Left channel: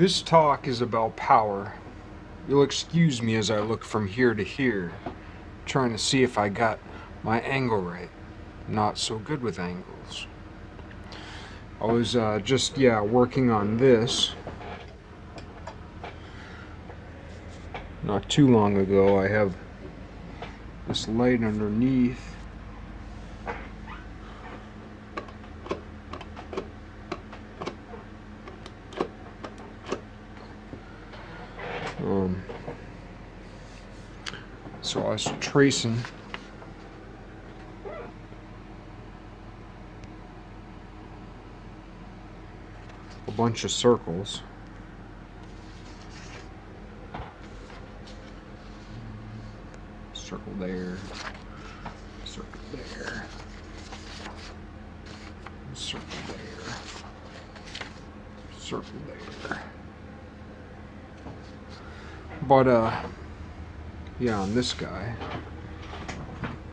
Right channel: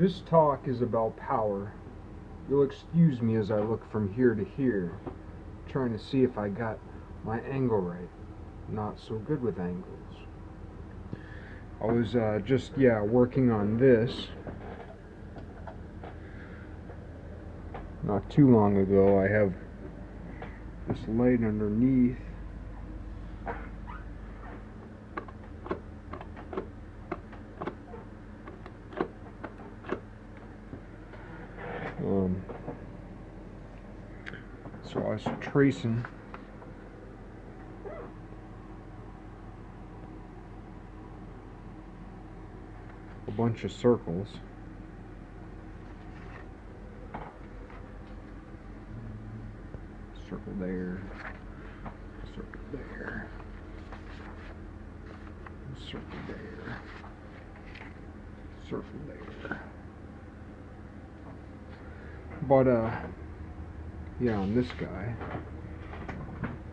This talk is about power. You'll excuse me as I look from here to here, trying to see if I got my angle right. Not so good with angles. I was working on this not too long ago. I have this light underneath. So I was tracing a bunch of circles. Circle there, circle there, circle there, circle there. But on this guy,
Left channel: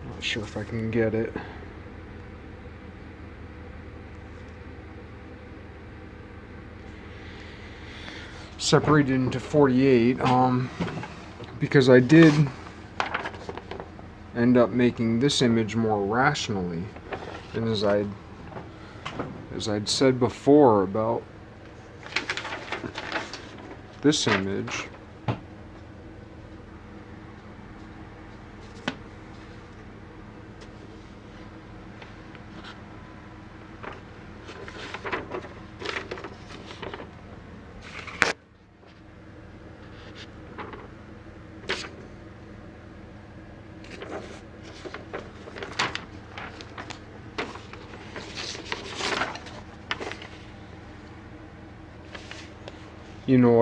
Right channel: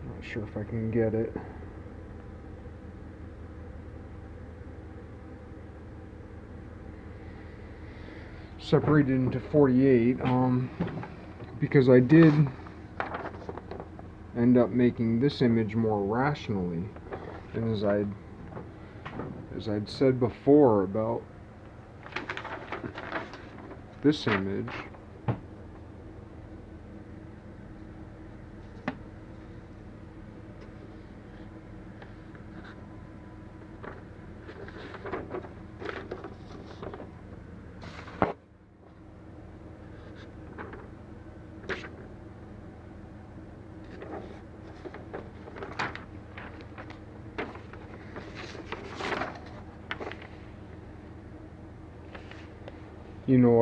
not sure if I can get it. Separated into 48, because I did end up making this image more rationally, and as I'd said before about this image,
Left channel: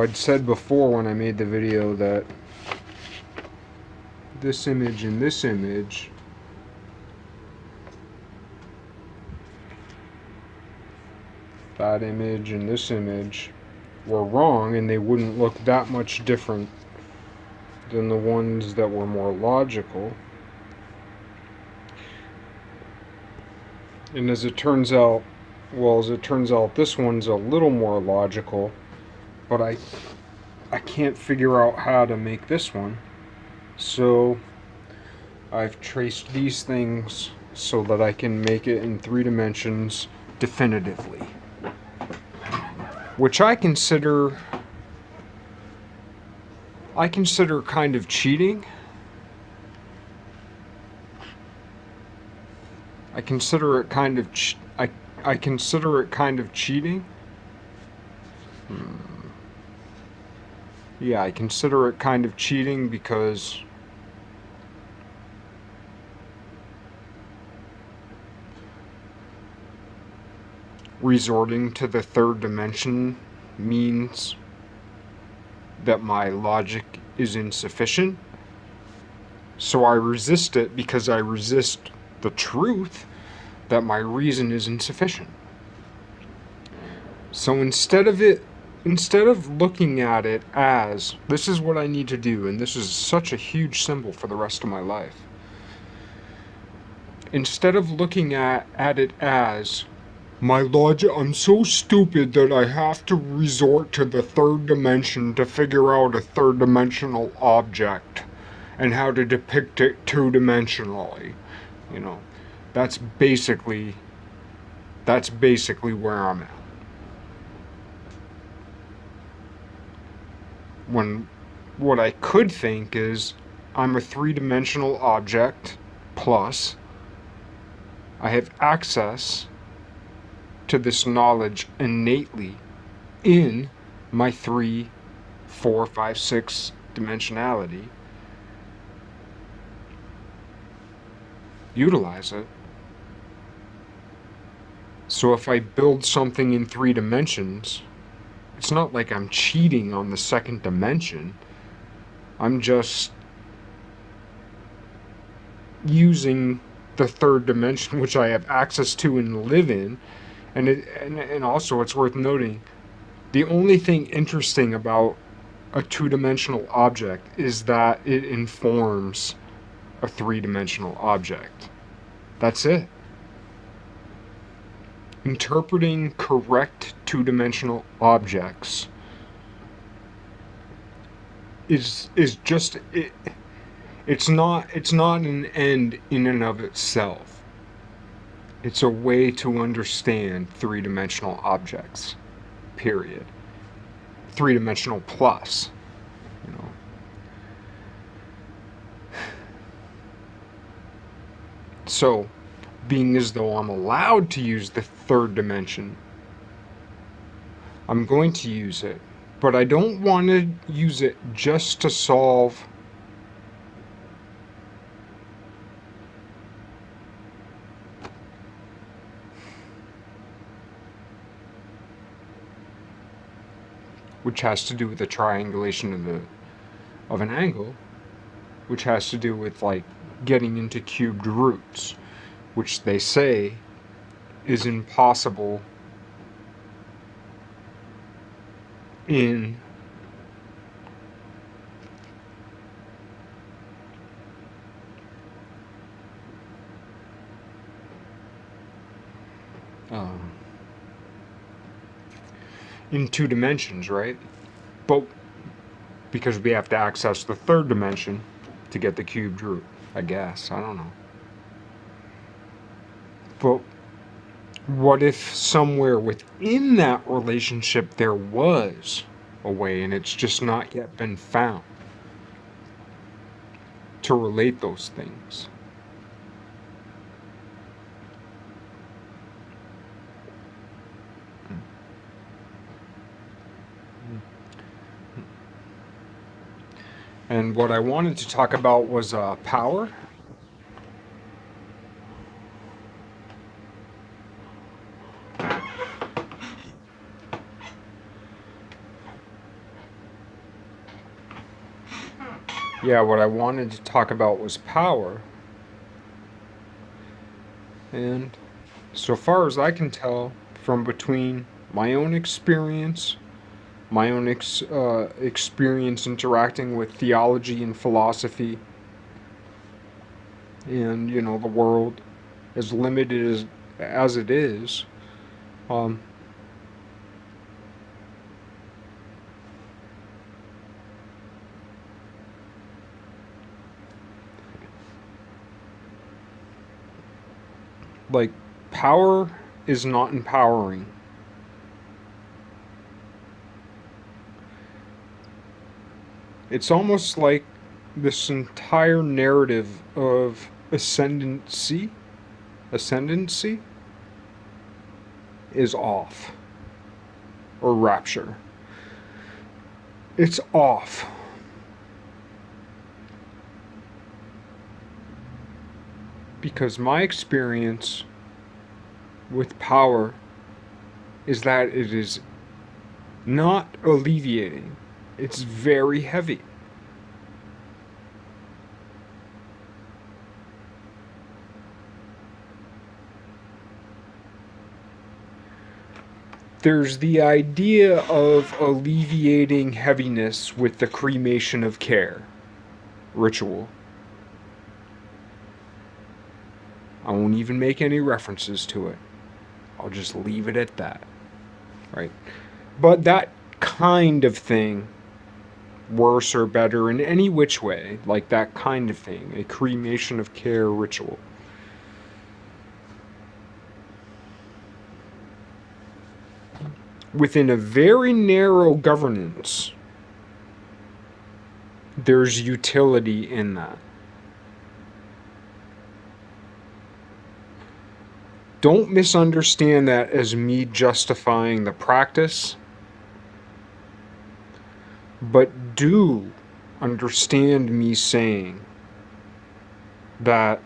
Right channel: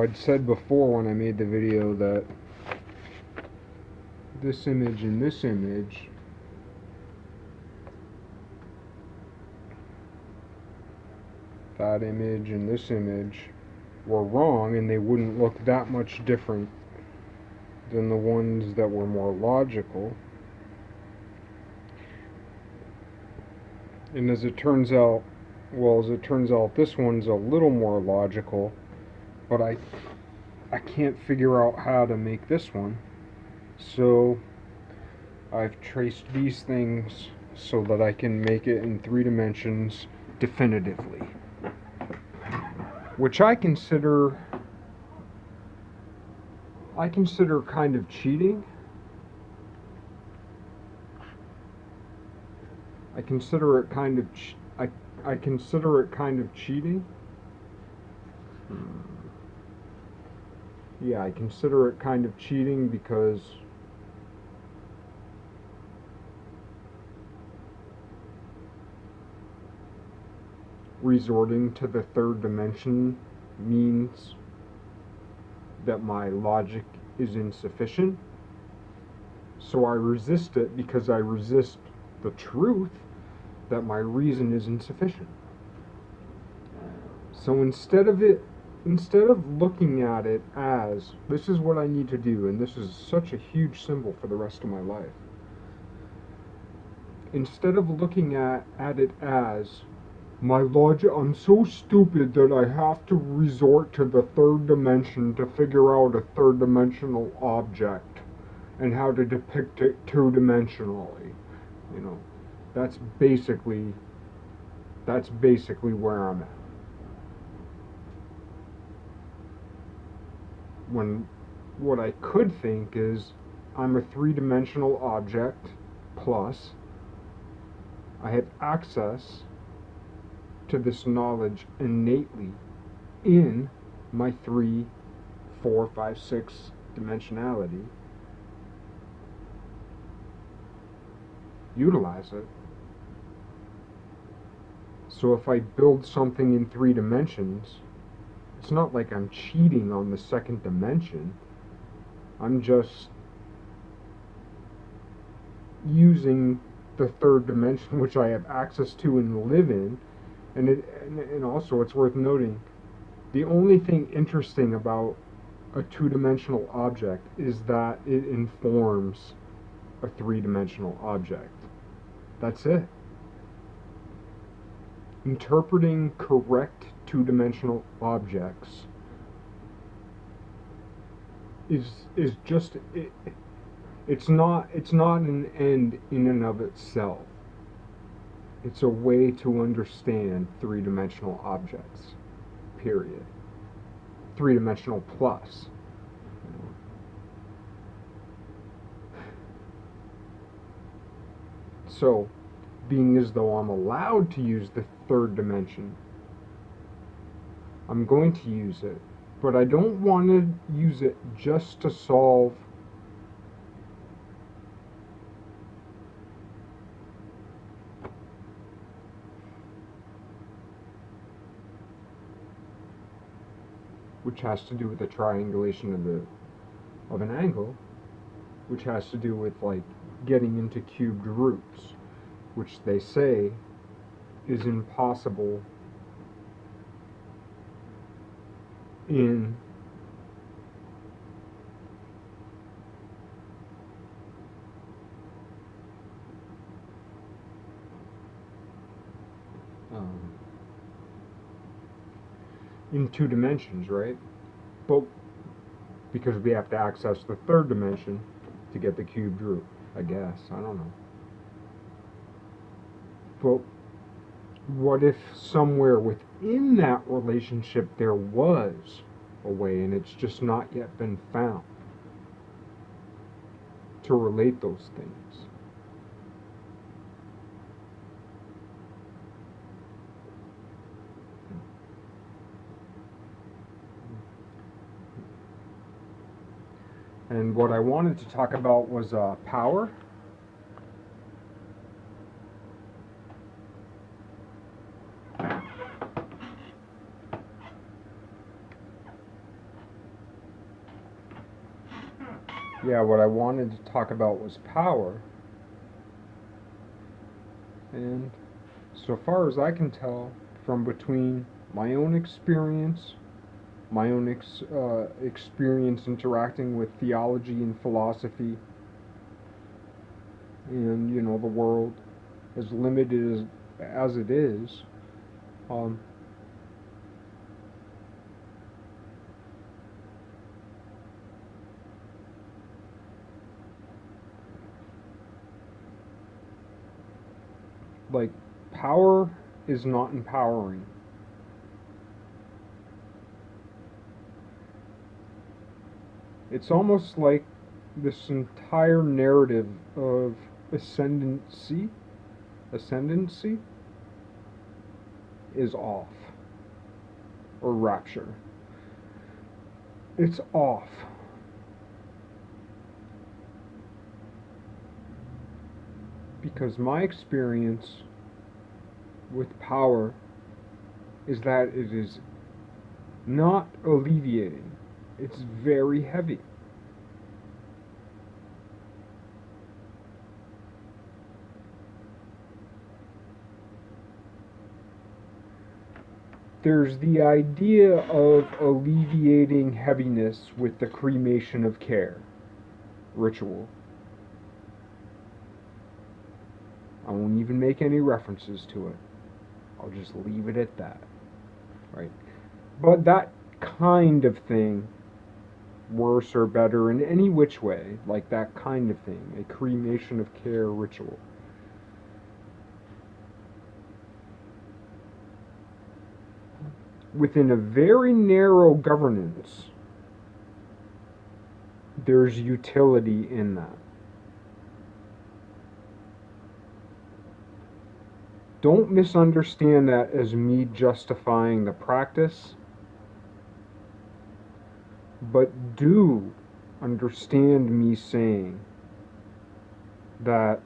I'd said before when I made the video that this image and this image that image and this image were wrong, and they wouldn't look that much different than the ones that were more logical. And as it turns out, this one's a little more logical, but I can't figure out how to make this one. So I've traced these things so that I can make it in 3 dimensions definitively, which I consider kind of cheating. I consider it kind of cheating. Yeah, I consider it kind of cheating because resorting to the 3rd dimension means that my logic is insufficient. So I resist it because I resist the truth that my reason is insufficient. So instead of looking at it as, this is what I need to do, and this is such a huge symbol for the rest of my life. Instead of looking at it as, my logic, I'm so stupid that I have to resort to the 3rd dimension to figure out a 3rd dimensional object and how to depict it 2-dimensionally. That's basically where I'm at. When what I could think is, I'm a 3-dimensional object, plus I have access to this knowledge innately in my 3, 4, 5, 6 dimensionality. Utilize it. So if I build something in 3 dimensions, it's not like I'm cheating on the 2nd dimension. I'm just using the 3rd dimension, which I have access to and live in. And also, it's worth noting, the only thing interesting about a 2-dimensional object is that it informs a 3-dimensional object. That's it. Interpreting correct 2-dimensional objects is just it, it's not an end in and of itself. It's a way to understand three-dimensional objects. Period. Three-dimensional plus, you know. So, being as though I'm allowed to use the third dimension, I'm going to use it. But I don't want to use it just to solve which has to do with the triangulation of an angle, which has to do with like getting into cubed roots, which they say is impossible in um, in two dimensions, right? But because we have to access the third dimension to get the cubed root, I guess. I don't know. But what if somewhere within that relationship there was a way and it's just not yet been found to relate those things? And what I wanted to talk about was power. Yeah, what I wanted to talk about was power. And so far as I can tell, from between my own experience, experience interacting with theology and philosophy, and the world as limited as it is, um, like power is not empowering. It's almost like this entire narrative of ascendancy is off, or rapture. It's off. Because my experience with power is that it is not alleviating, it's very heavy. There's the idea of alleviating heaviness with the cremation of care ritual. I won't even make any references to it. I'll just leave it at that. Right? But that kind of thing, worse or better in any which way, like that kind of thing, a cremation of care ritual. Within a very narrow governance, there's utility in that. Don't misunderstand that as me justifying the practice, but do understand me saying that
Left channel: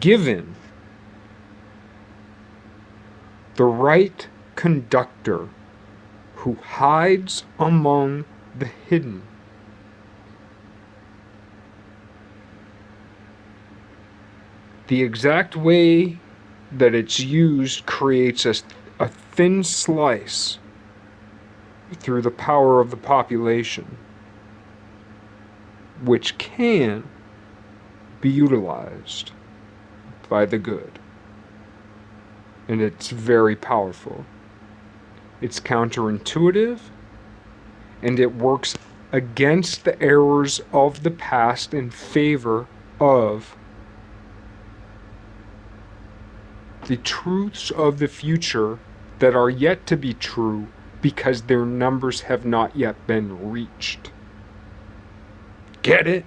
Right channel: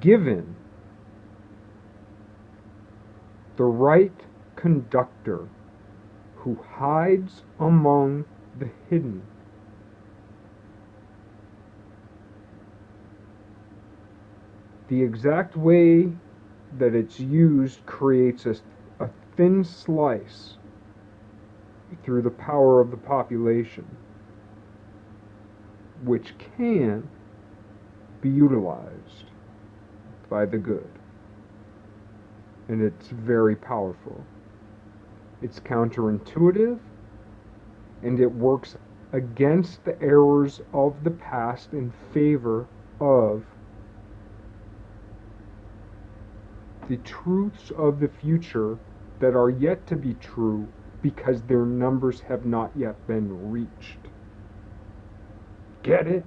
given the right conductor who hides among the hidden, the exact way that it's used creates a thin slice through the power of the population, which can be utilized by the good. And it's very powerful. It's counterintuitive, and it works against the errors of the past in favor of the truths of the future that are yet to be true because their numbers have not yet been reached. Get it?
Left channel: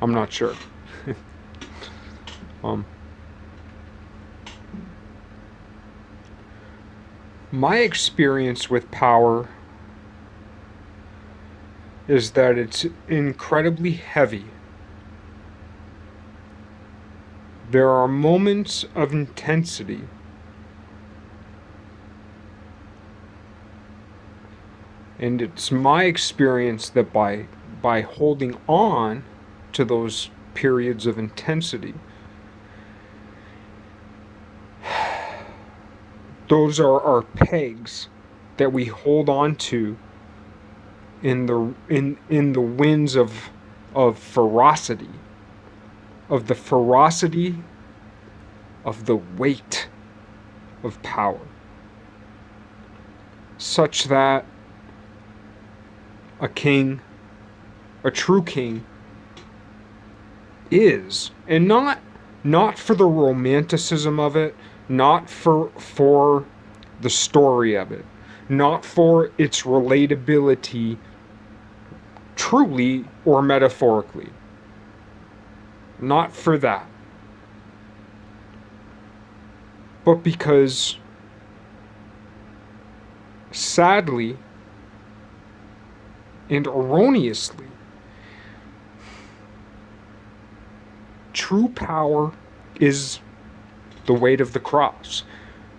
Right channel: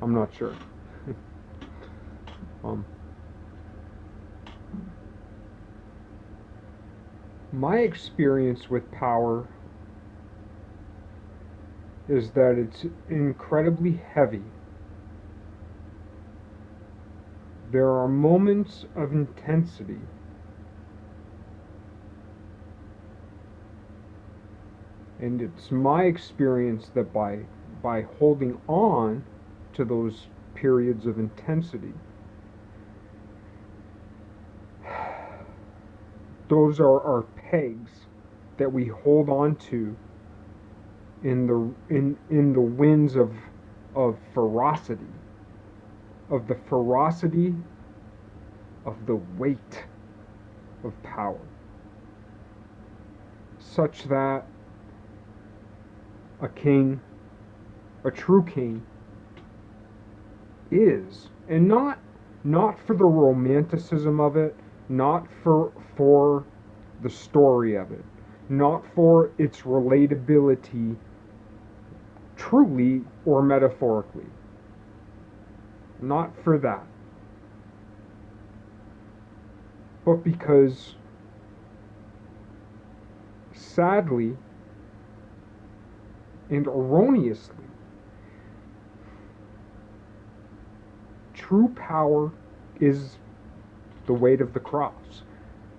I'm not sure. My experience with power is that it's incredibly heavy. There are moments of intensity. And it's my experience that by holding on to those periods of intensity, those are our pegs that we hold on to in the winds of ferocity, of the ferocity of the weight of power, such that a king, a true king, is, and not for the romanticism of it, not for the story of it, not for its relatability, truly or metaphorically, not for that, but because, sadly and erroneously, true power is the weight of the cross.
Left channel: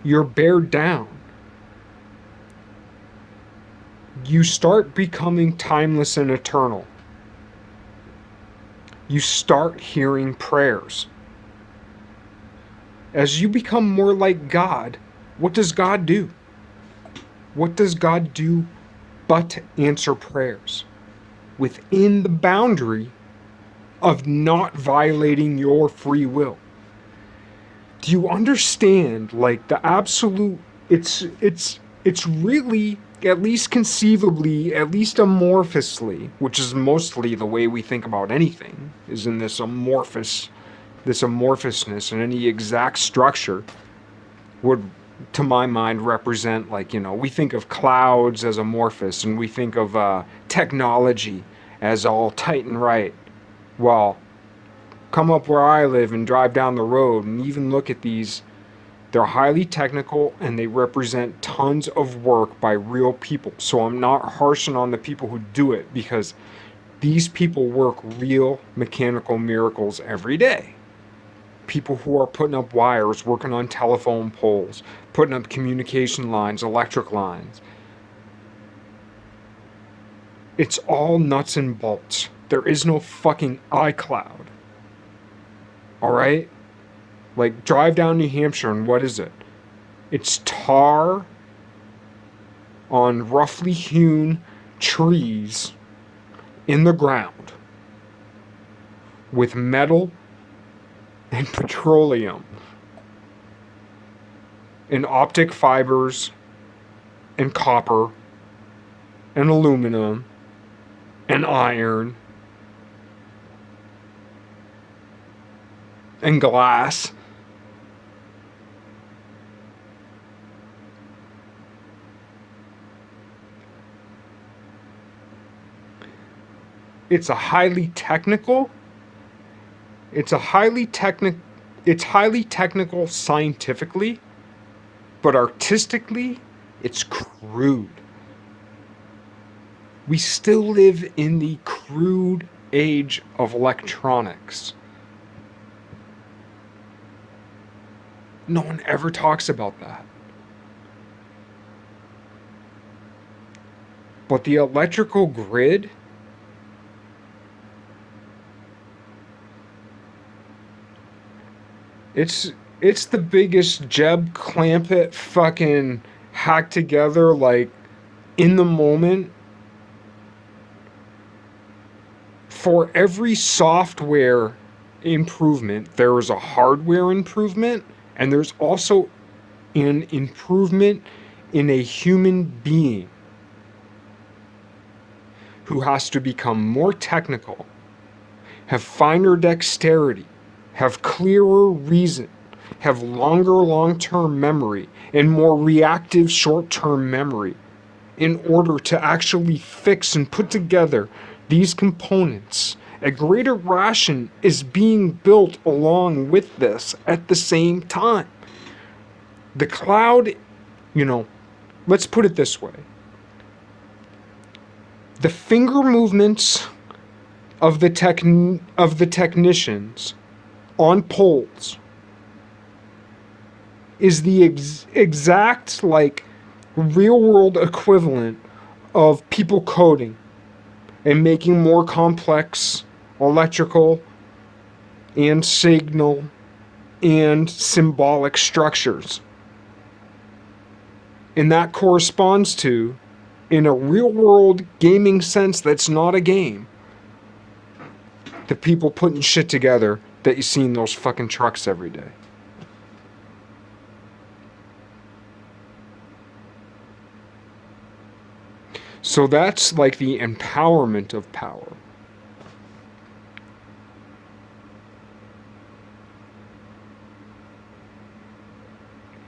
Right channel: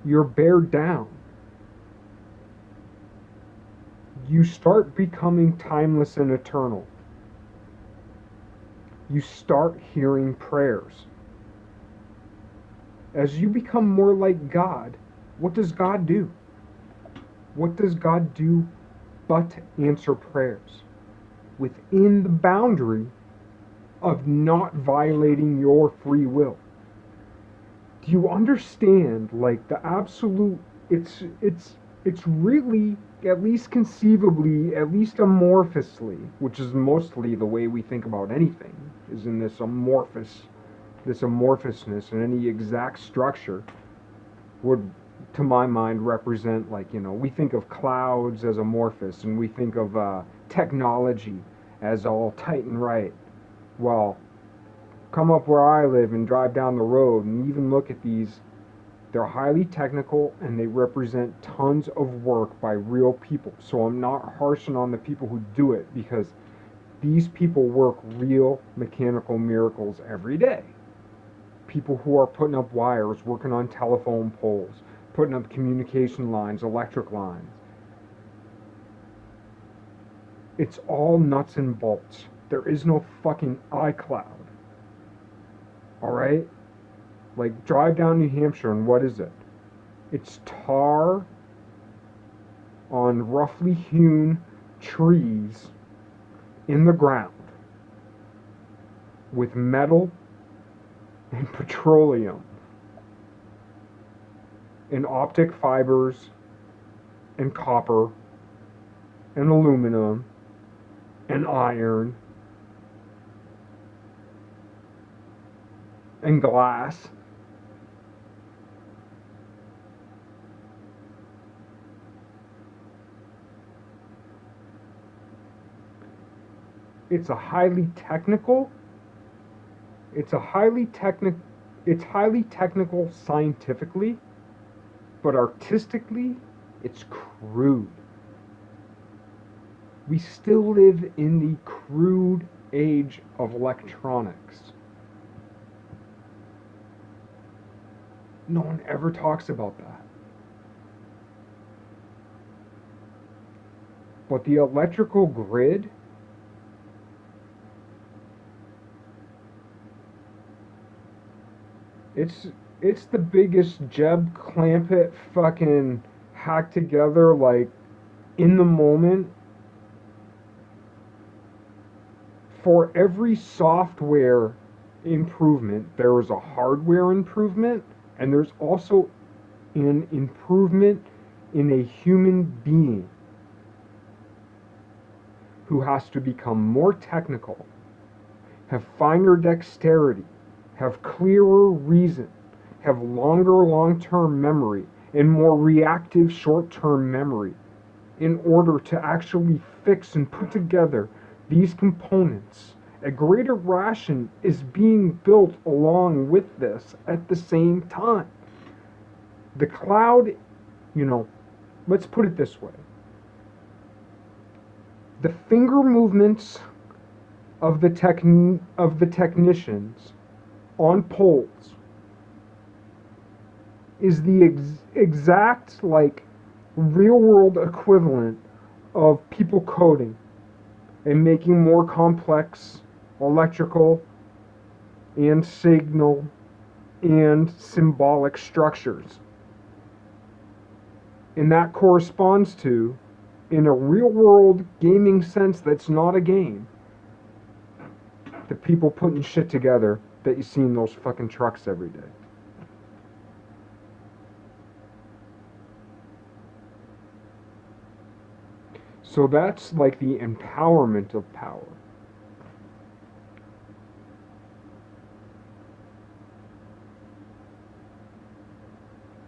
You're bared down. You start becoming timeless and eternal. You start hearing prayers. As you become more like God, what does God do? What does God do but answer prayers within the boundary of not violating your free will? Do you understand, like, the absolute, it's really, at least conceivably, at least amorphously, which is mostly the way we think about anything, is in this amorphousness, and any exact structure would, to my mind, represent, like, we think of clouds as amorphous, and we think of technology as all tight and right. Well, come up where I live and drive down the road and even look at these. They're highly technical and they represent tons of work by real people. So I'm not harshing on the people who do it, because these people work real mechanical miracles every day. People who are putting up wires, working on telephone poles, putting up communication lines, electric lines. It's all nuts and bolts. There is no fucking iCloud. All right? Like, drive down New Hampshire and what is it? It's tar on roughly hewn trees in the ground with metal and petroleum and optic fibers and copper and aluminum and iron and glass. It's highly technical scientifically, but artistically, it's crude. We still live in the crude age of electronics. No one ever talks about that. But the electrical grid, it's the biggest Jeb Clampett fucking hack together, like, in the moment. For every software improvement, there is a hardware improvement, and there's also an improvement in a human being. who has to become more technical, have finer dexterity, have clearer reason, have longer long-term memory, and more reactive short-term memory in order to actually fix and put together these components. A greater ration is being built along with this at the same time. The cloud, let's put it this way. The finger movements of the technicians on poles is the exact real world equivalent of people coding and making more complex electrical and signal and symbolic structures. And that corresponds to, in a real world gaming sense that's not a game, the people putting shit together that you see in those fucking trucks every day. So that's like the empowerment of power.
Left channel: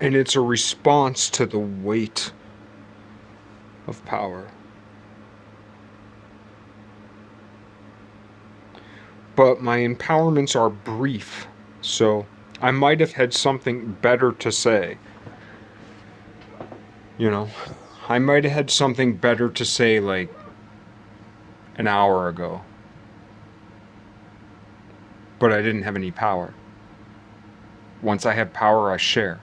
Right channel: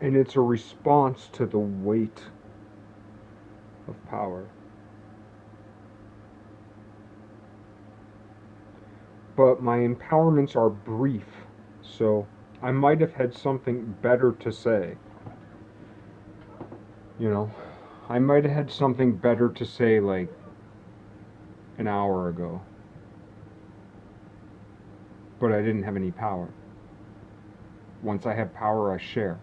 And it's a response to the weight of power. But my empowerments are brief, so I might have had something better to say. I might have had something better to say like an hour ago. But I didn't have any power. Once I have power, I share.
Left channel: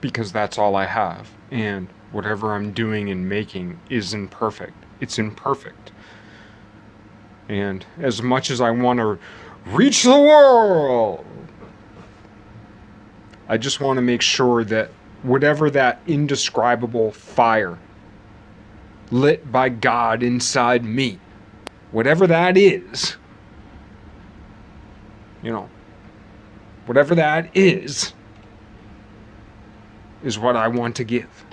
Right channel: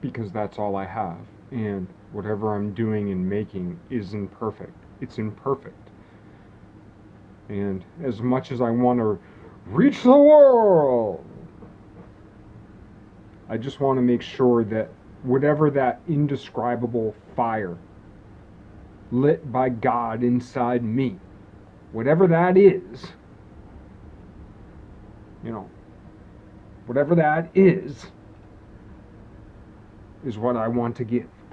Because that's all I have. And whatever I'm doing and making is imperfect. It's imperfect. And as much as I want to reach the world, I just want to make sure that whatever that indescribable fire lit by God inside me, whatever that is, whatever that is what I want to give.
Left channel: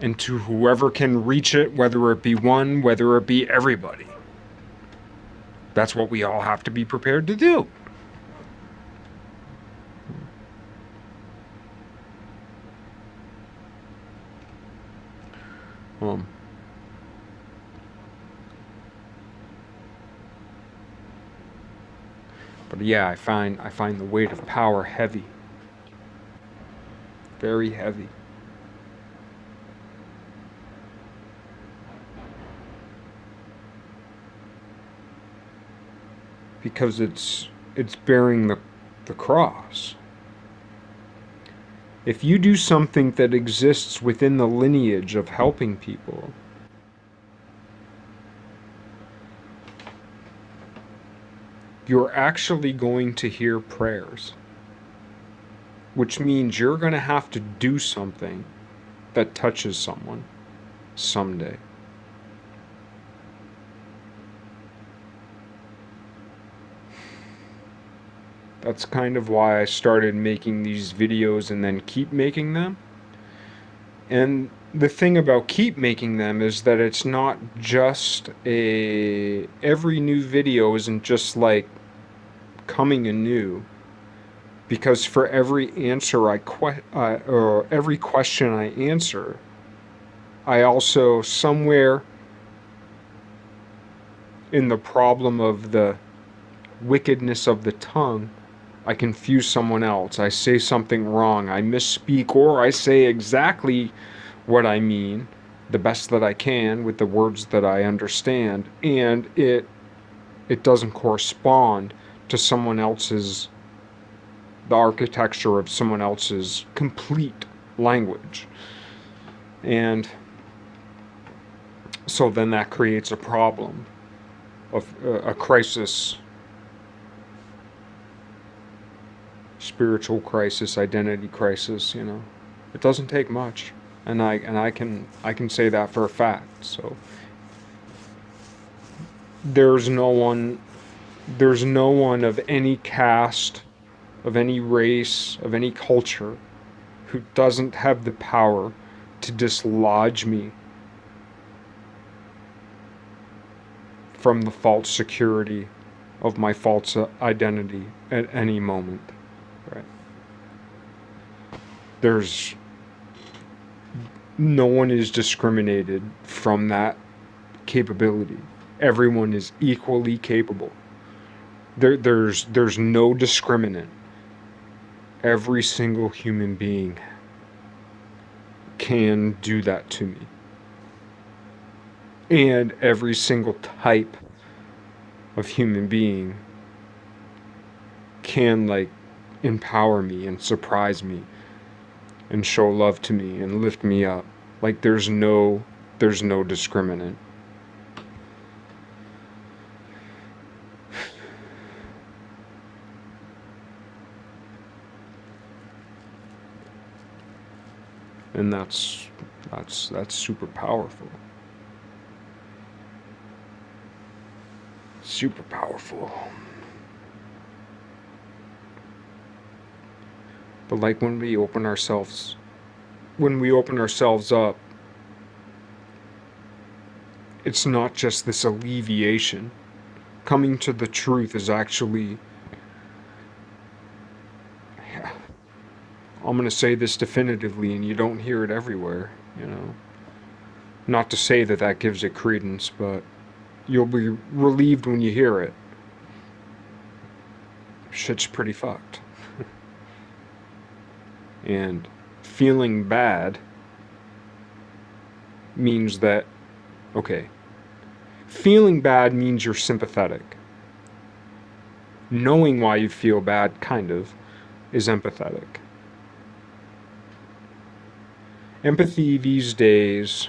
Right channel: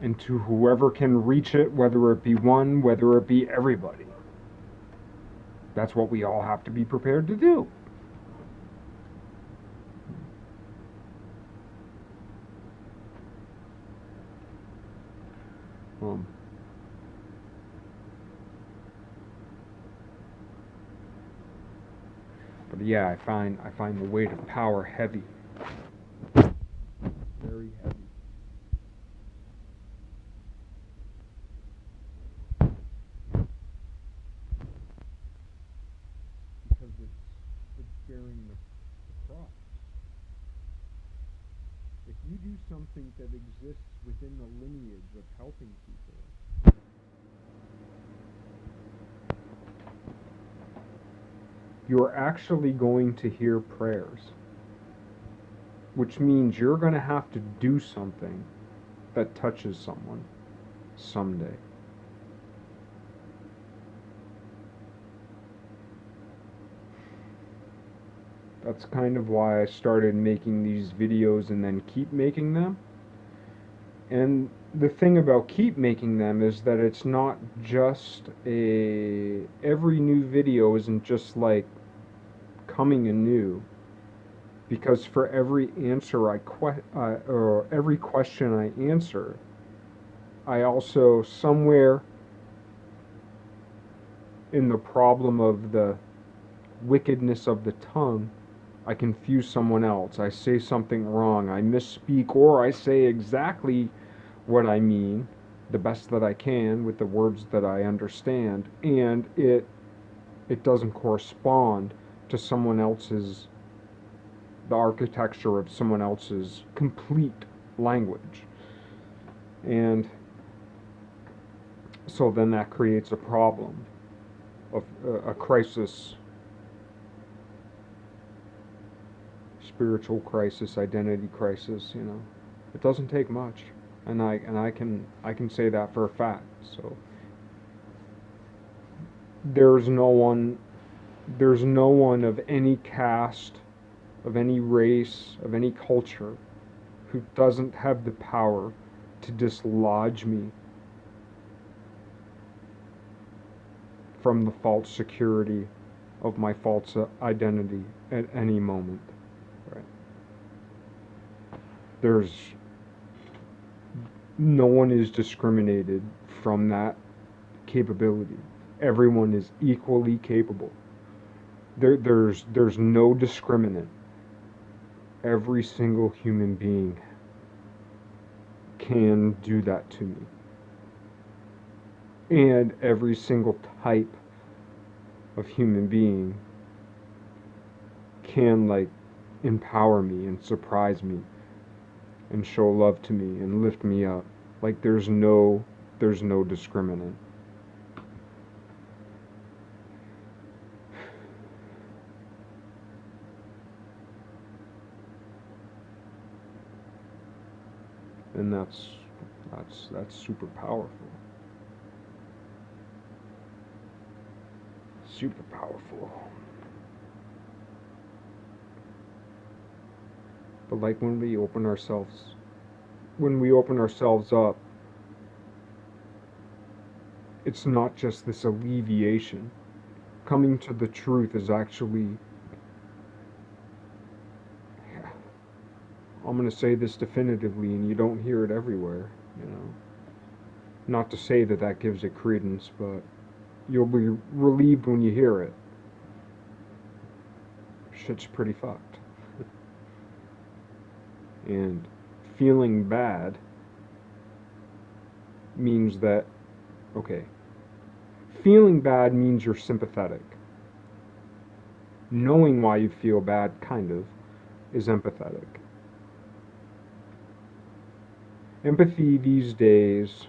And to whoever can reach it, whether it be one, whether it be everybody. That's what we all have to be prepared to do. But yeah, I find the weight of power heavy. Very heavy. Because it's bearing the cross. If you do something that exists within the lineage of helping people, you're actually going to hear prayers. Which means you're going to have to do something that touches someone someday. That's kind of why I started making these videos and then keep making them. And the thing about keep making them is that it's not just every new video isn't just like coming anew. Because for every answer or every question I answer, I also somewhere in the problem of the wickedness of the tongue, I confuse someone else. I say something wrong. I misspeak, or I say exactly what I mean, the best that I can with the words that I understand, and it doesn't correspond to the architecture of someone else's complete language. And so then that creates a problem of a crisis, spiritual crisis, identity crisis. It doesn't take much, and I can say that for a fact. So there's no one of any caste, of any race, of any culture who doesn't have the power to dislodge me from the false security of my false identity at any moment. Right? There's no one is discriminated from that capability. Everyone is equally capable. There's no discriminant. Every single human being can do that to me. And every single type of human being can like empower me and surprise me and show love to me and lift me up. Like there's no discriminant. And that's super powerful. Super powerful. But like when we open ourselves up, it's not just this alleviation. Coming to the truth is actually, I'm going to say this definitively, and you don't hear it everywhere, you know. Not to say that that gives it credence, but you'll be relieved when you hear it. Shit's pretty fucked. And feeling bad means that, okay, feeling bad means you're sympathetic. Knowing why you feel bad, kind of, is empathetic. Empathy these days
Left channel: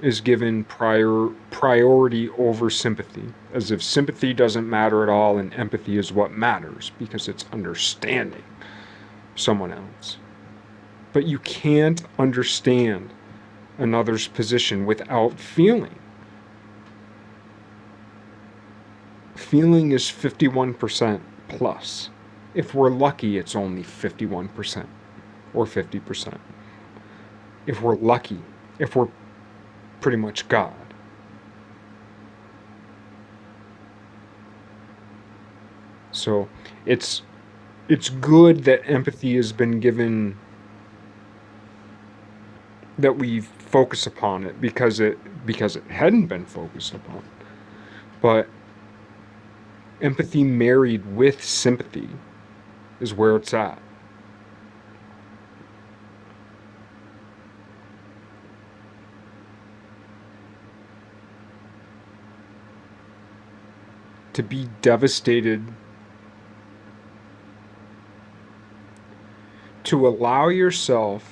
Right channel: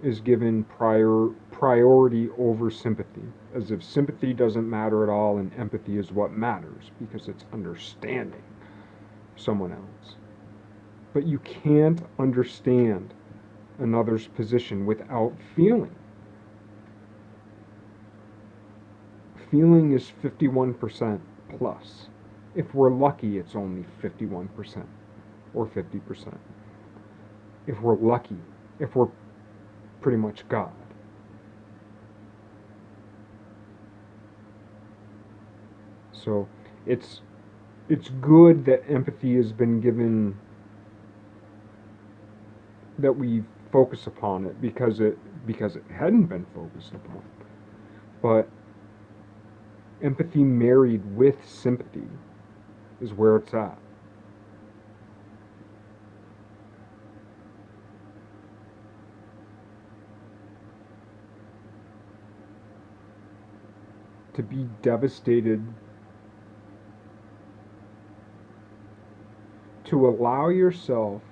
is given priority over sympathy, as if sympathy doesn't matter at all and empathy is what matters because it's understanding someone else. But you can't understand another's position without feeling. Feeling is 51% plus. If we're lucky, it's only 51% or 50%. If we're lucky, if we're pretty much God. So it's good that empathy has been given, that we focus upon it because it hadn't been focused upon. But empathy married with sympathy is where it's at. To be devastated, to allow yourself,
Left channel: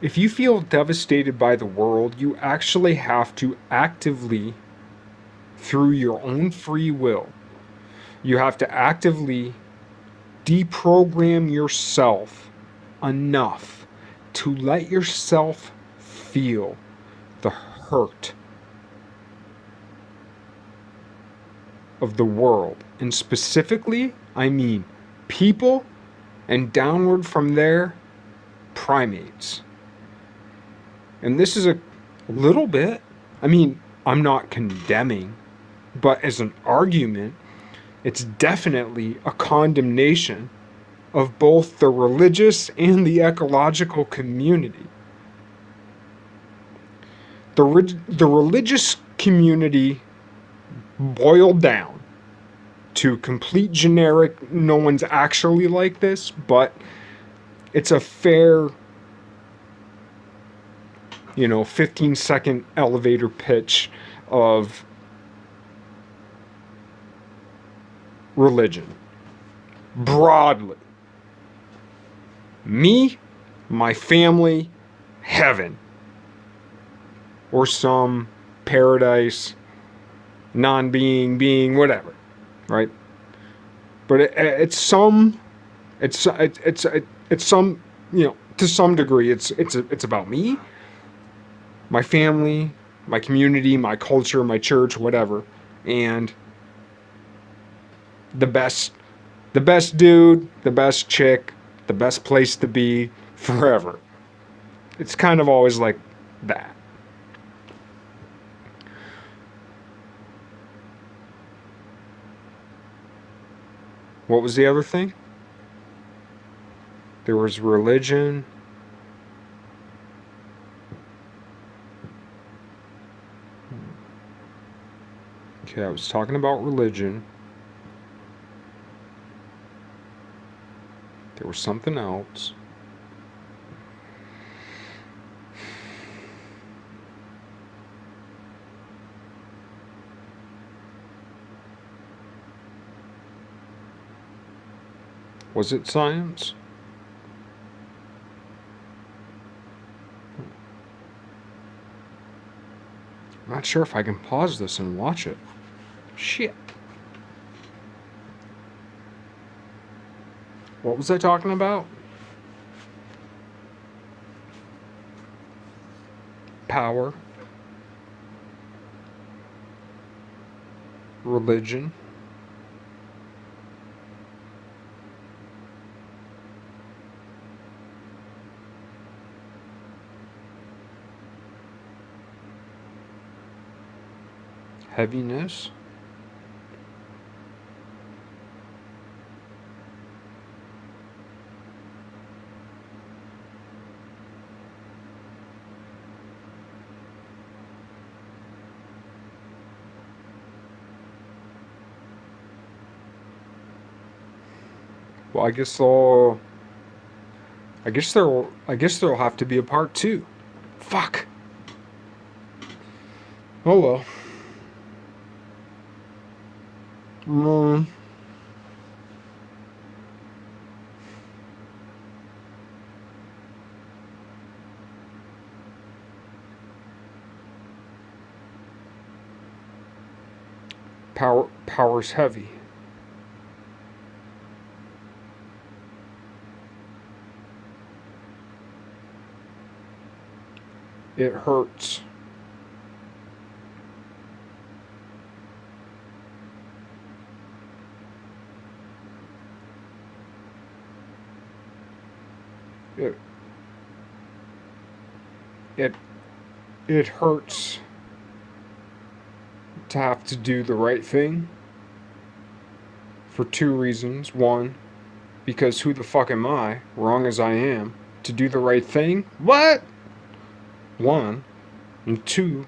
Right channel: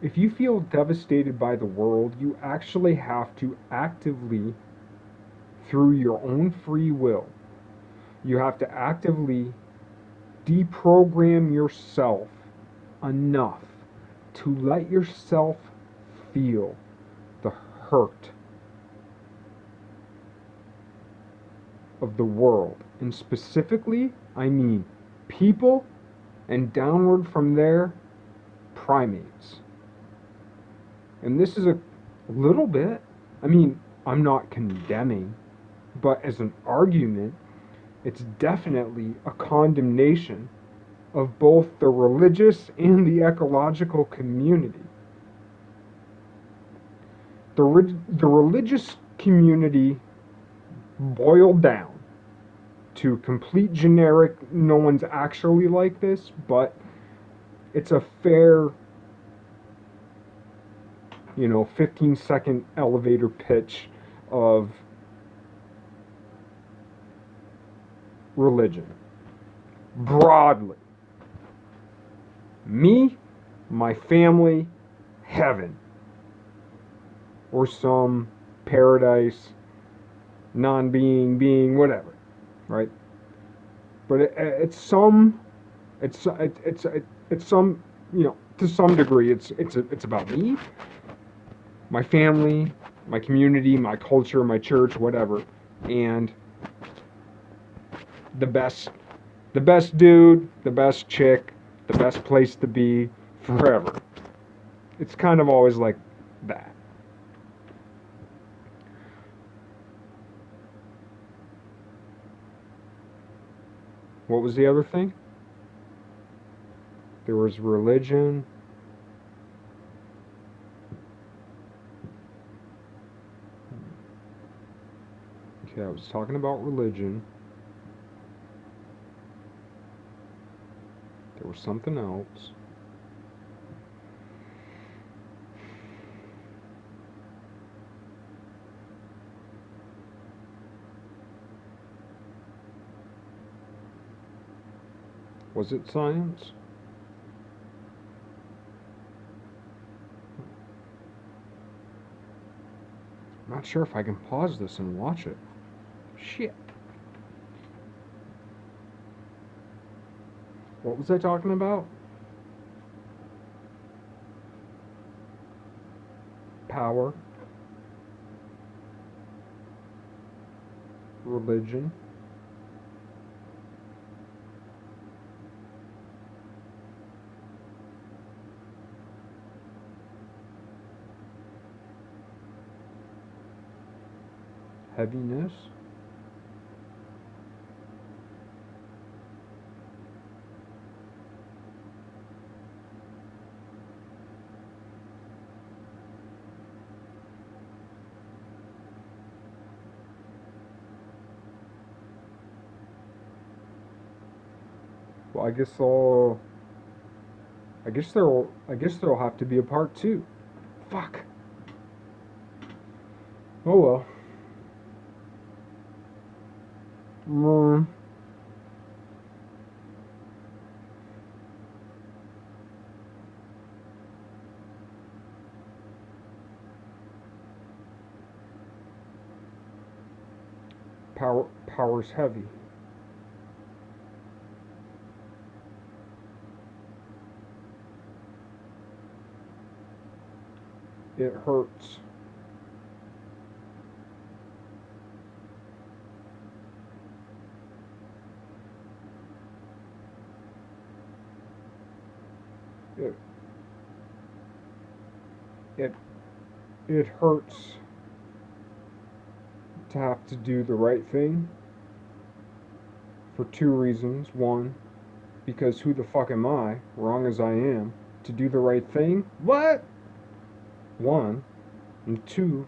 if you feel devastated by the world, you actually have to actively, through your own free will, you have to actively deprogram yourself enough to let yourself feel the hurt of the world. And specifically, I mean people, and downward from there, primates. And this is a little bit, I mean, I'm not condemning, but as an argument, it's definitely a condemnation of both the religious and the ecological community. The religious community boiled down to complete generic, no one's actually like this, but it's a fair, 15-second elevator pitch of religion. Broadly. Me, my family, heaven. Or some paradise, non-being, being, whatever, right? But it's some, to some degree, it's about me, my family, my community, my culture, my church, whatever, and the best dude, the best chick, the best place to be forever. It's kind of always like that. What was the other thing? There was religion. Okay, I was talking about religion. There was something else. Was it science? I'm not sure if I can pause this and watch it. Shit. What was I talking about? Power. Religion. Heaviness. Well, I guess there'll have to be a part 2. Fuck. Oh well. Mm. Power's heavy. It hurts. It it it hurts to have to do the right thing for 2 reasons. One, because who the fuck am I, wrong as I am, to do the right thing? What? One. And two,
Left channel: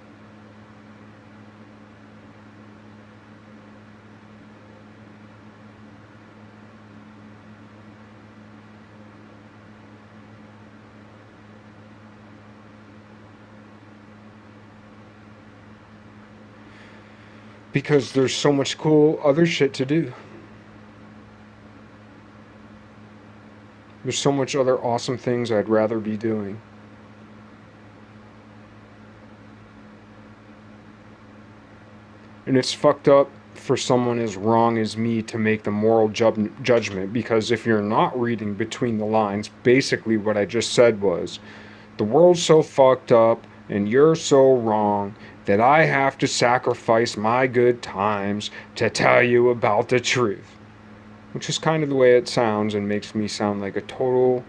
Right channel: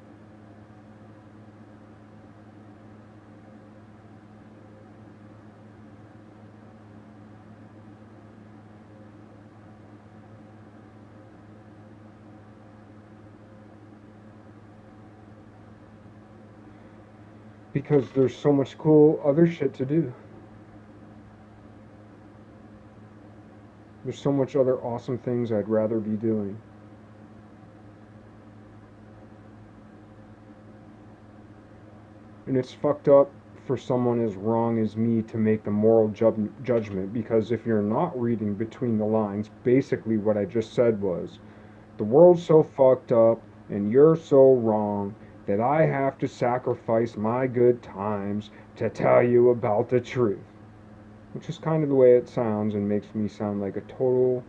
because there's so much cool other shit to do. There's so much other awesome things I'd rather be doing. And it's fucked up for someone as wrong as me to make the moral judgment, because if you're not reading between the lines, basically what I just said was, the world's so fucked up and you're so wrong that I have to sacrifice my good times to tell you about the truth. Which is kind of the way it sounds and makes me sound like a total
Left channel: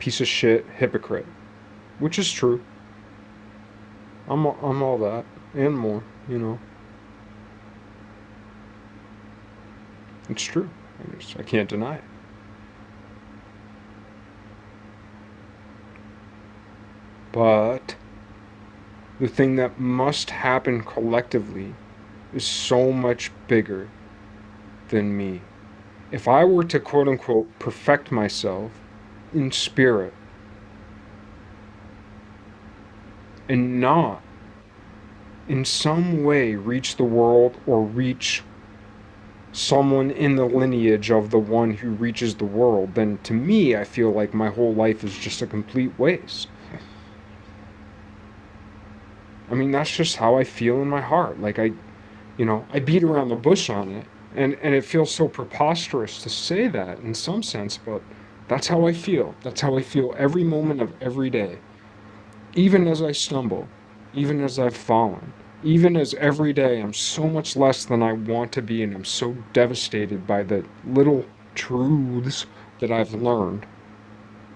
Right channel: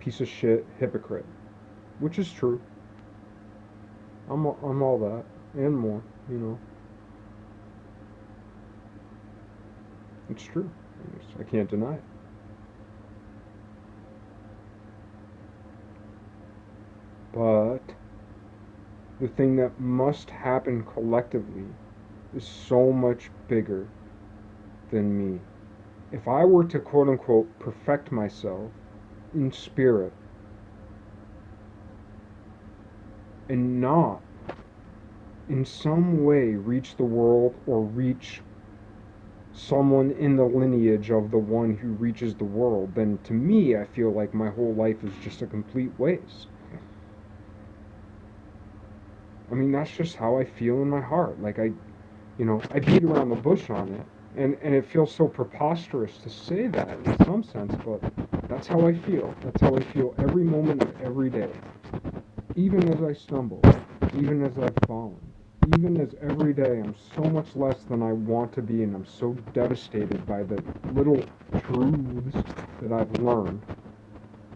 piece of shit hypocrite. Which is true. I'm all that and more, you know. It's true. I can't deny it. But the thing that must happen collectively is so much bigger than me. If I were to quote unquote perfect myself in spirit and not in some way reach the world or reach someone in the lineage of the one who reaches the world, then to me, I feel like my whole life is just a complete waste. I mean, that's just how I feel in my heart. Like I beat around the bush on it, and it feels so preposterous to say that in some sense, but that's how I feel. That's how I feel every moment of every day. Even as I stumble, even as I've fallen, even as every day I'm so much less than I want to be, and I'm so devastated by the little truths that I've learned.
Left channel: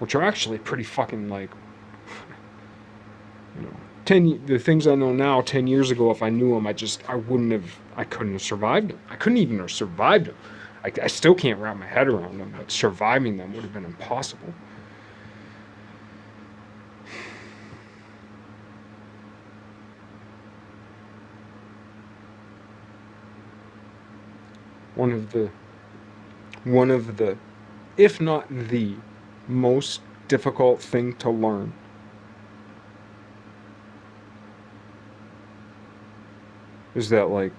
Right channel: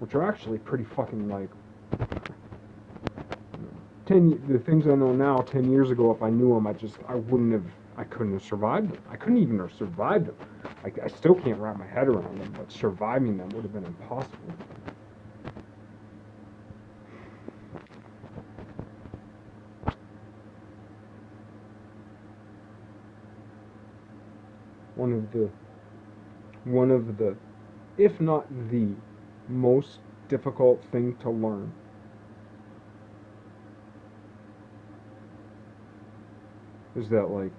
which are actually pretty fucking like, you know, the things I know now 10 years ago, if I knew them, I couldn't have survived them. I couldn't even have survived them. I still can't wrap my head around them, but surviving them would have been impossible. One of the, if not the most difficult thing to learn is that, like,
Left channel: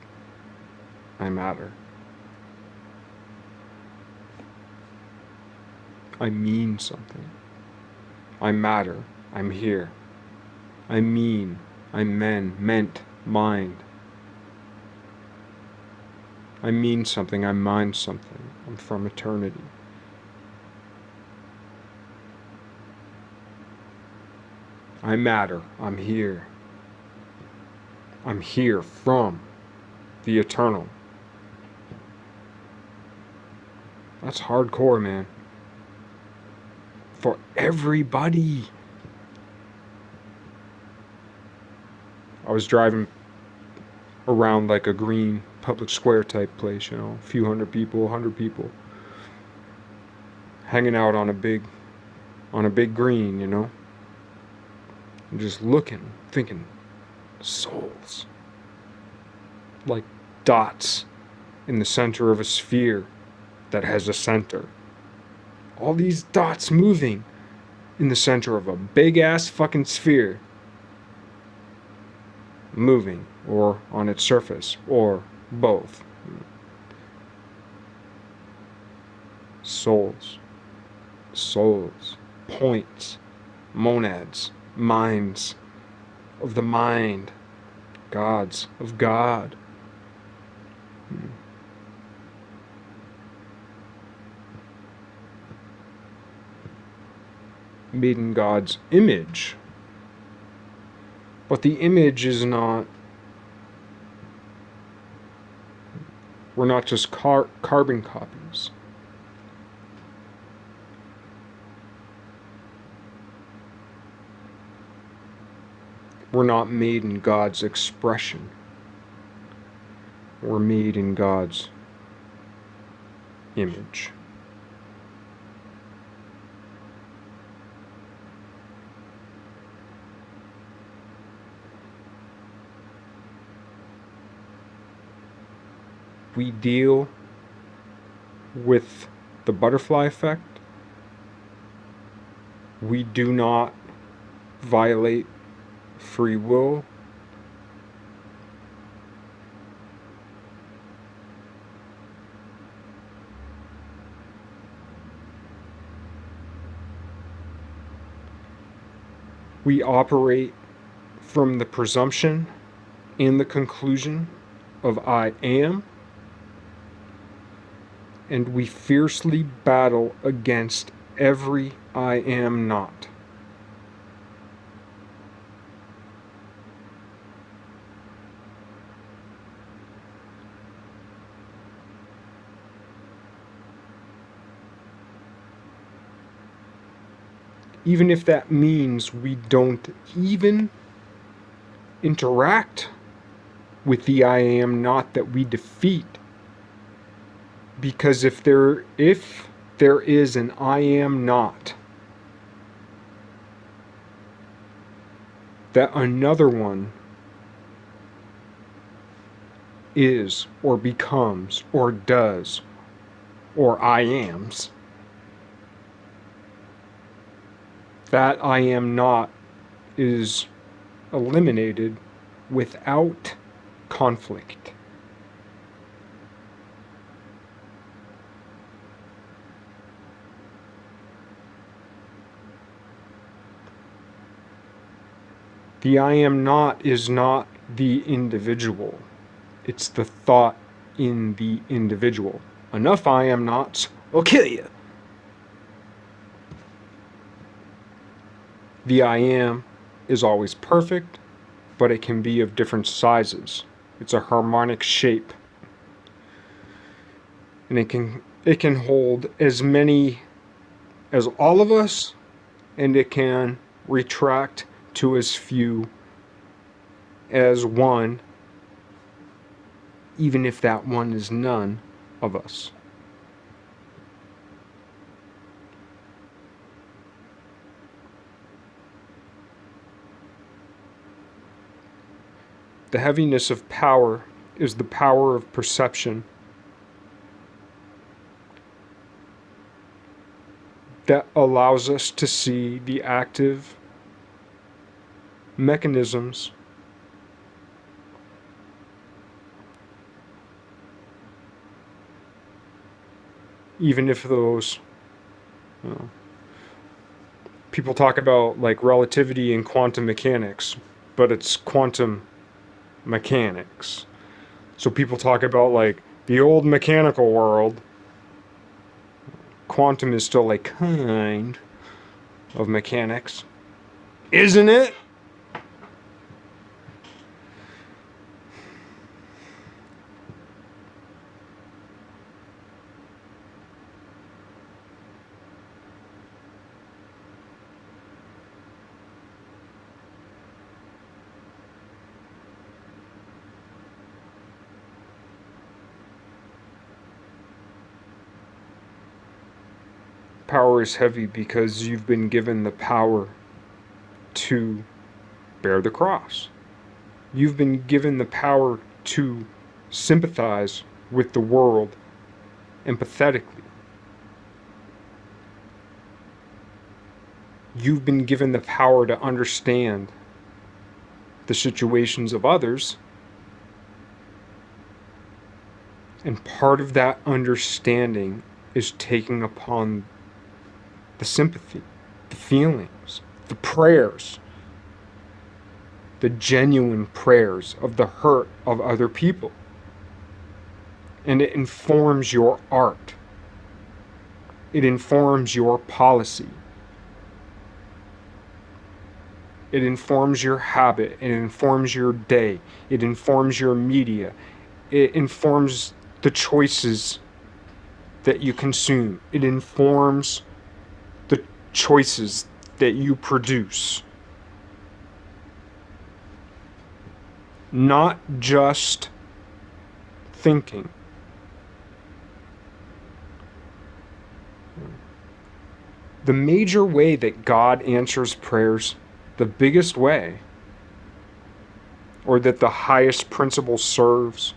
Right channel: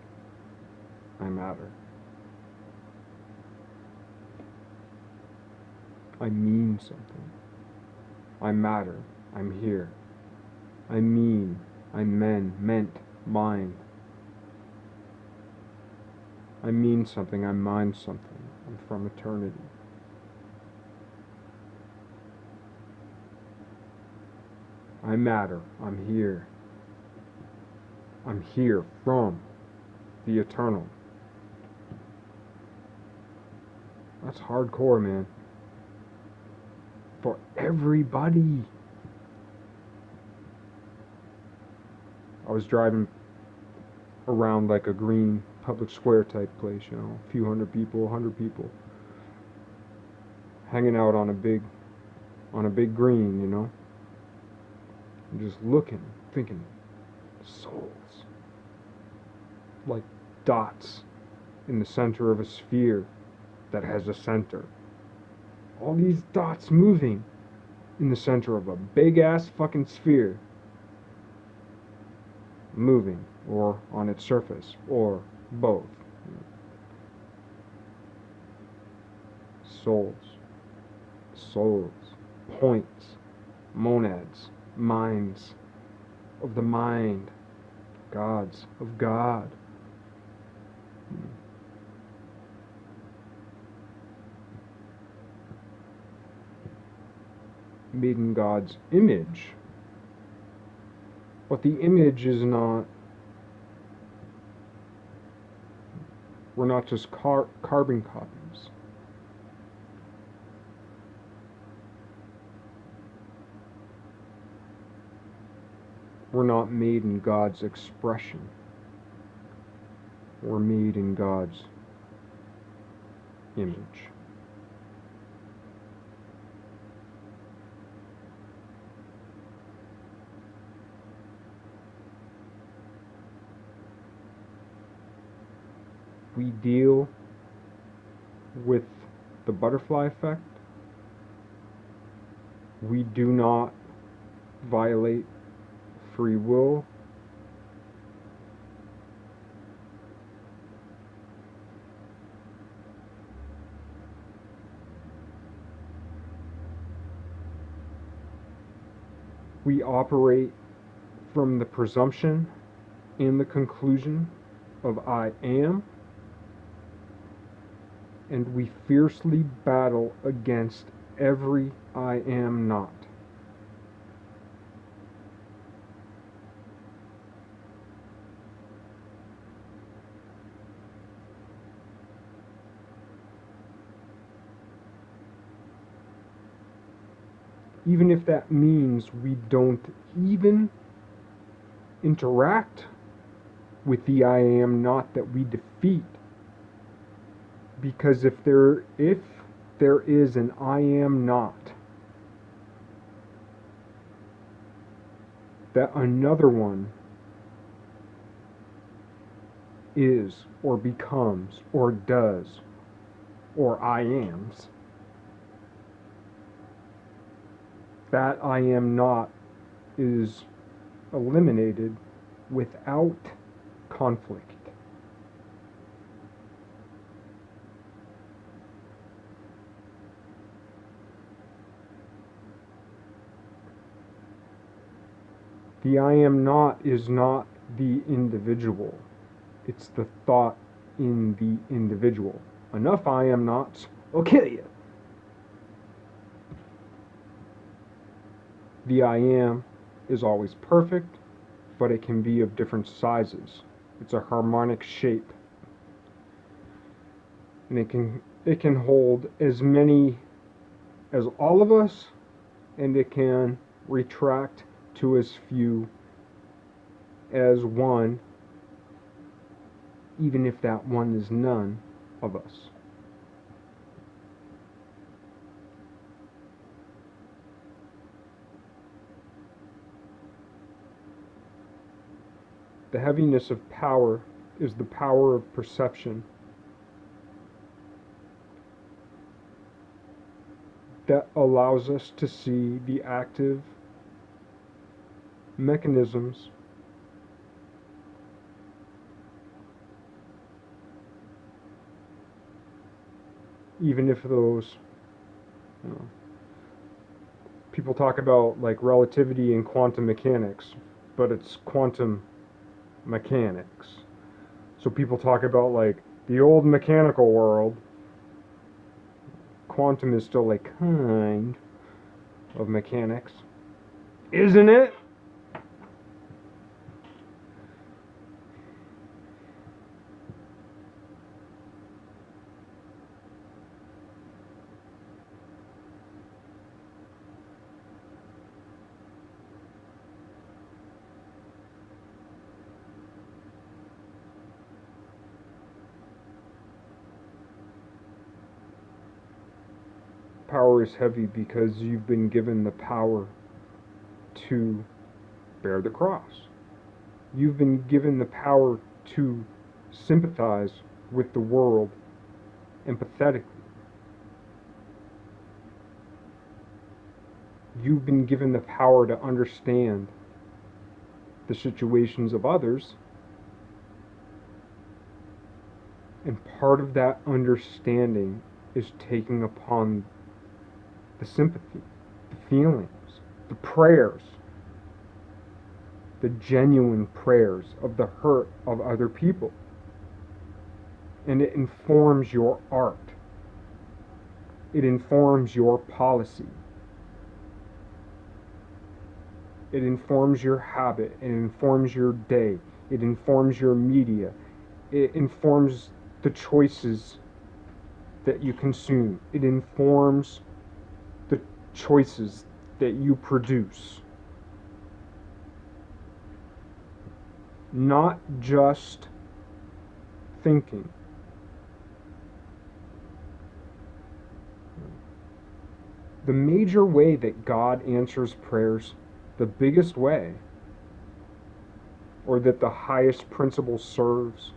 I matter. I mean something. I matter. I'm here. I mean. I'm meant, mind. I mean something. I mind something. I'm from eternity. I matter. I'm here. I'm here from the eternal. That's hardcore, man. For everybody. I was driving around like a green public square type place, you know, a few hundred people, 100 people, hanging out on a big green, you know, and just looking, thinking, souls, like dots in the center of a sphere that has a center. All these dots moving in the center of a big ass fucking sphere, moving, or on its surface, or both. Souls, points, monads, minds of the mind, gods of God. Made in God's image. But the image is not, we're not just carbon copies. We're not made in God's expression. We're made in God's image. We deal with the butterfly effect. We do not violate free will. We operate from the presumption and the conclusion of I am, and we fiercely battle against every I am not. Even if that means we don't even interact with the I am not that we defeat. Because if there is an I am not, that another one is or becomes or does or I ams, that I am not is eliminated without conflict. The I am not is not the individual. It's the thought in the individual. Enough I am nots will kill you. The I am is always perfect, but it can be of different sizes. It's a harmonic shape. And it can hold as many as all of us and it can retract to as few as one, even if that one is none of us. The heaviness of power is the power of perception that allows us to see the active mechanisms even if those people talk about like relativity and quantum mechanics, but it's quantum mechanics. So people talk about like the old mechanical world. Quantum is still a kind of mechanics, isn't it? Power is heavy because you've been given the power to bear the cross. You've been given the power to sympathize with the world empathetically. You've been given the power to understand the situations of others. And part of that understanding is taking upon the sympathy, the feelings, the prayers, the genuine prayers of the hurt of other people. And it informs your art. It informs your policy. It informs your habit. It informs your day. It informs your media. It informs the choices that you consume. It informs the choices that you produce. Not just thinking. The major way that God answers prayers, the biggest way, or that the highest principle serves,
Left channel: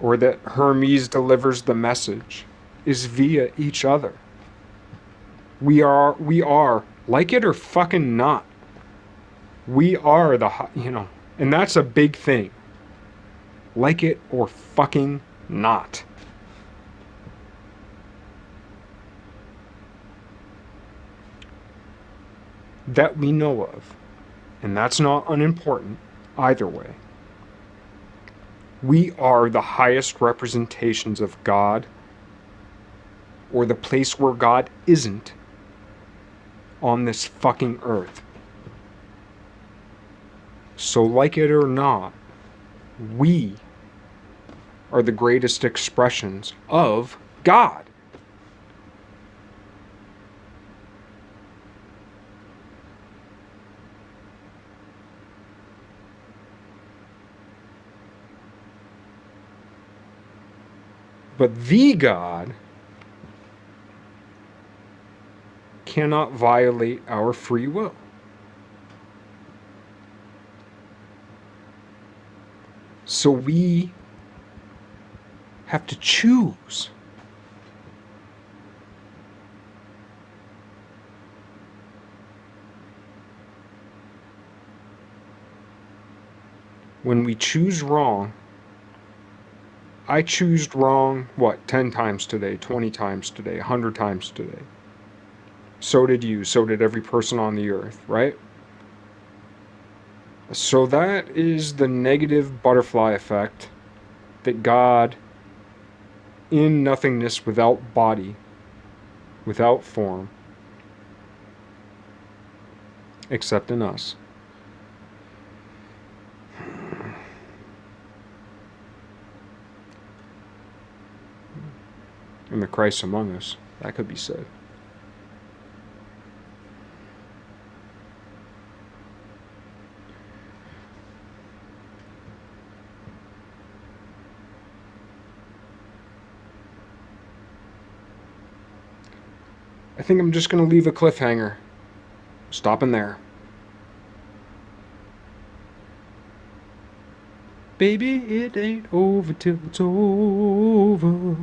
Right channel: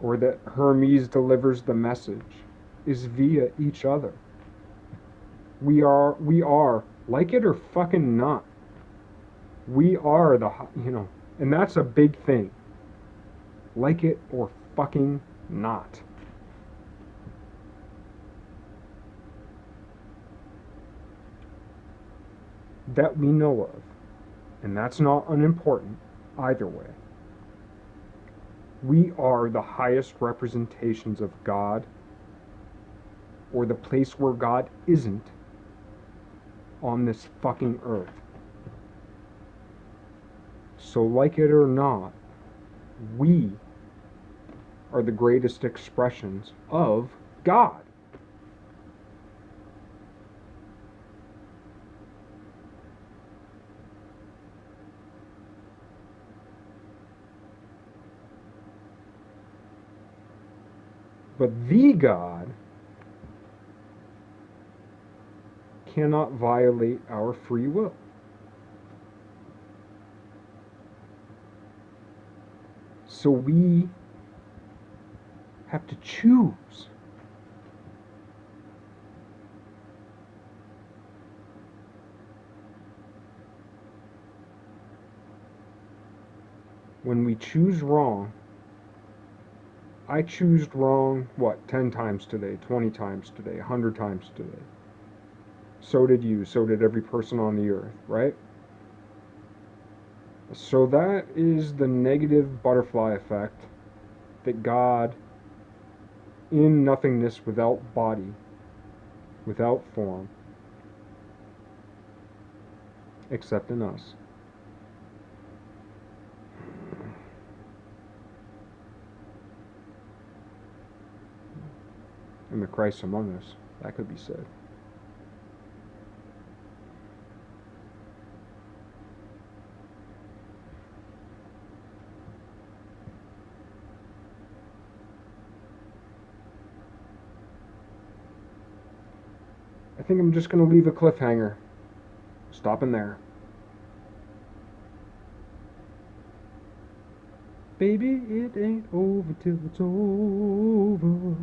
or that Hermes delivers the message, is via each other. We are, like it or fucking not, we are and that's a big thing. Like it or fucking not. That we know of. And that's not unimportant either way. We are the highest representations of God, or the place where God isn't, on this fucking earth. So like it or not, we are the greatest expressions of God. But the God cannot violate our free will. So we have to choose. When we choose wrong, I choose wrong, 10 times today, 20 times today, 100 times today. So did you, so did every person on the earth, right? So that is the negative butterfly effect that God, in nothingness, without body, without form, except in us, and the Christ among us, that could be said. I think I'm just going to leave a cliffhanger. Stopping there. Baby, it ain't over till it's over.